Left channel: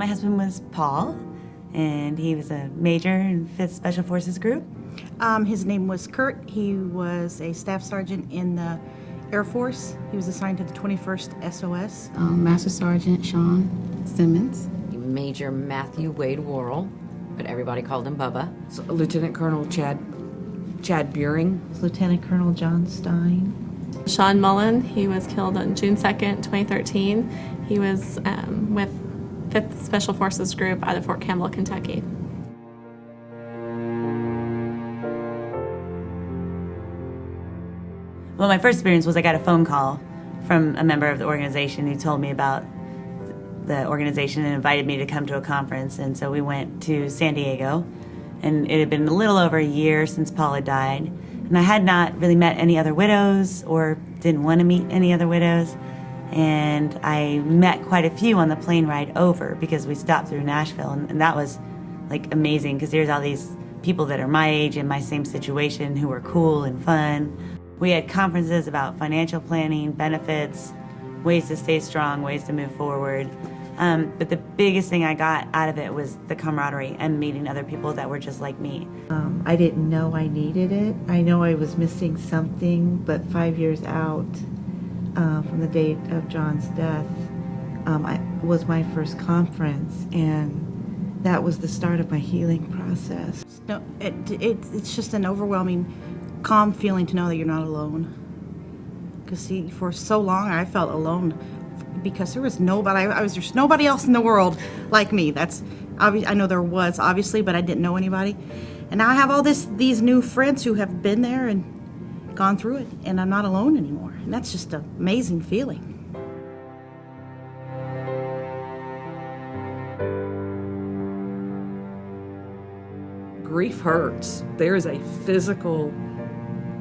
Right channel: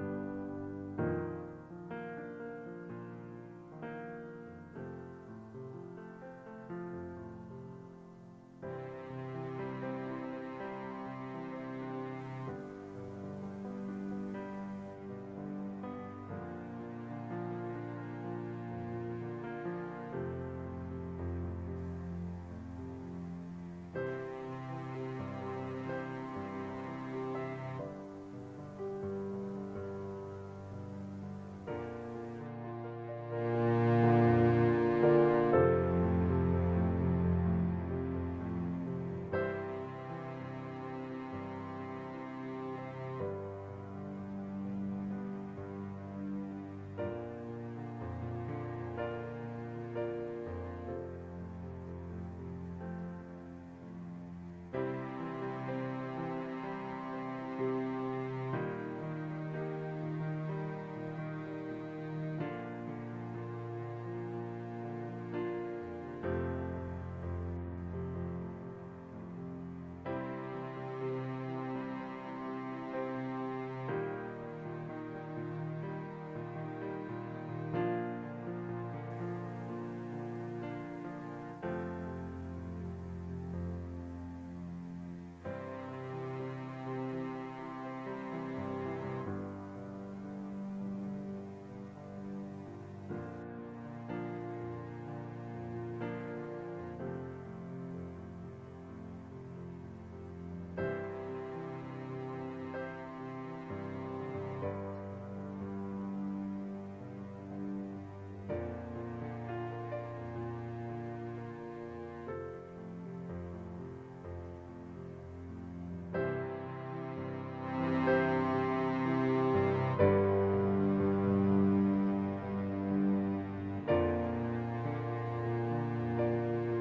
My husband was Paul, and he was a major in 5th Special Forces Group. His name was Kurt. He was a staff sergeant in the Air Force. He was assigned to the 21st SOS. Master Sergeant Sean Simmons. Major Matthew Wade Worrell, but everybody called him Bubba. Lieutenant Colonel Chad Buring. Lieutenant Colonel John Stein. Sean Mullen, he was killed on June 2nd, 2013. He was with 5th Special Forces Group out of Fort Campbell, Kentucky. Well, my first experience was I got a phone call from a member of the organization who told me about the organization and invited me to come to a conference. And so we went to San Diego, and it had been a little over a year since Paul had died. And I had not really met any other widows or didn't want to meet any other widows. And I met quite a few on the plane ride over because we stopped through Nashville. And that was like amazing because there's all these people that are my age in my same situation who were cool and fun. We had conferences about financial planning, benefits, ways to stay strong, ways to move forward. But the biggest thing I got out of it was the camaraderie and meeting other people that were just like me. I didn't know I needed it. I know I was missing something, but 5 years out from the date of John's death was my first conference, and that was the start of my healing process. No, it's just an overwhelming, calm feeling to know that you're not alone. Because for so long I felt alone because there was nobody. There's nobody else in the world like me. That's obvious. I know there was obviously, but I didn't know anybody. And now I have all these new friends who have been there and gone through it, and I'm not alone anymore. And that's just an amazing feeling. Grief hurts. There is a physical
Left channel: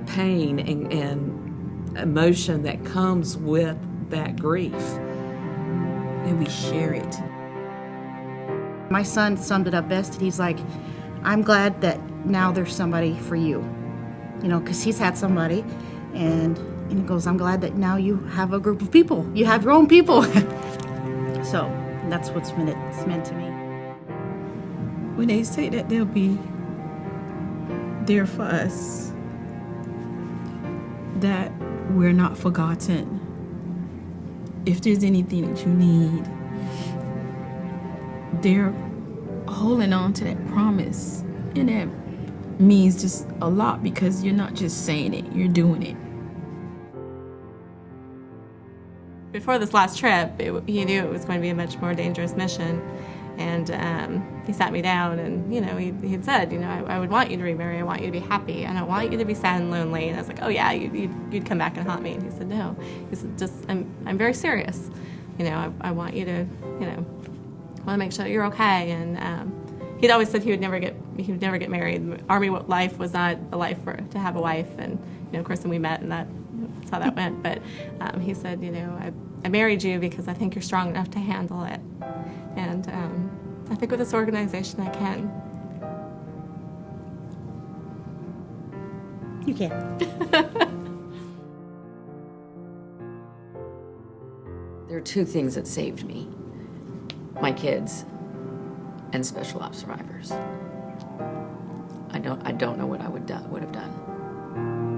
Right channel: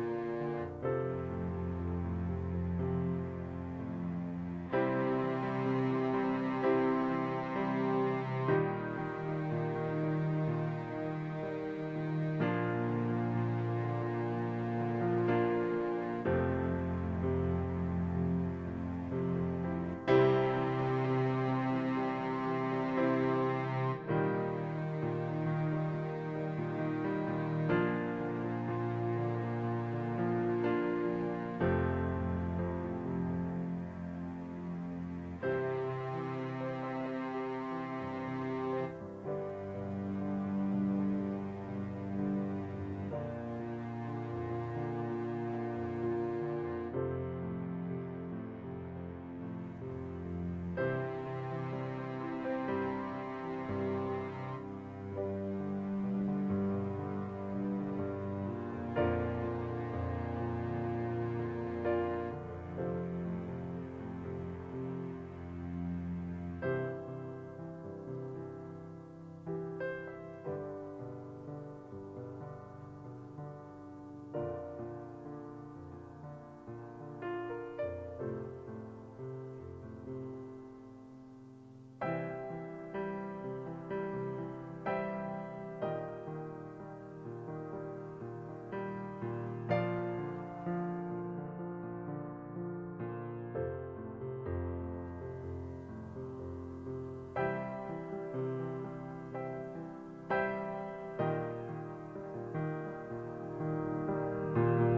pain and emotion that comes with that grief. And we share it. My son summed it up best. He's like, I'm glad that now there's somebody for you. You know, because he's had somebody. And he goes, I'm glad that now you have a group of people. You have your own people. So that's what's meant to me. When they say that they'll be there for us, that we're not forgotten. If there's anything that you need, they're holding on to that promise. And that means just a lot because you're not just saying it, you're doing it. Before this last trip, he knew it was going to be a much more dangerous mission. And he sat me down and, you know, he had said, you know, I would want you to remarry, I want you to be happy, I don't want you to be sad and lonely. And I was like, oh yeah, you'd come back and haunt me. And he said, no. He said, just, I'm very serious. You know, I want you to, you know, want to make sure that you're okay. And he'd always said he would never get married. Army life was not a life to have a wife. And, you know, of course, when we met and that's how that went. But he said, you know, I married you because I think you're strong enough to handle it. And I think with this organization I can. You can. There are two things that saved me: my kids and special ops survivors. I don't know what I would have done.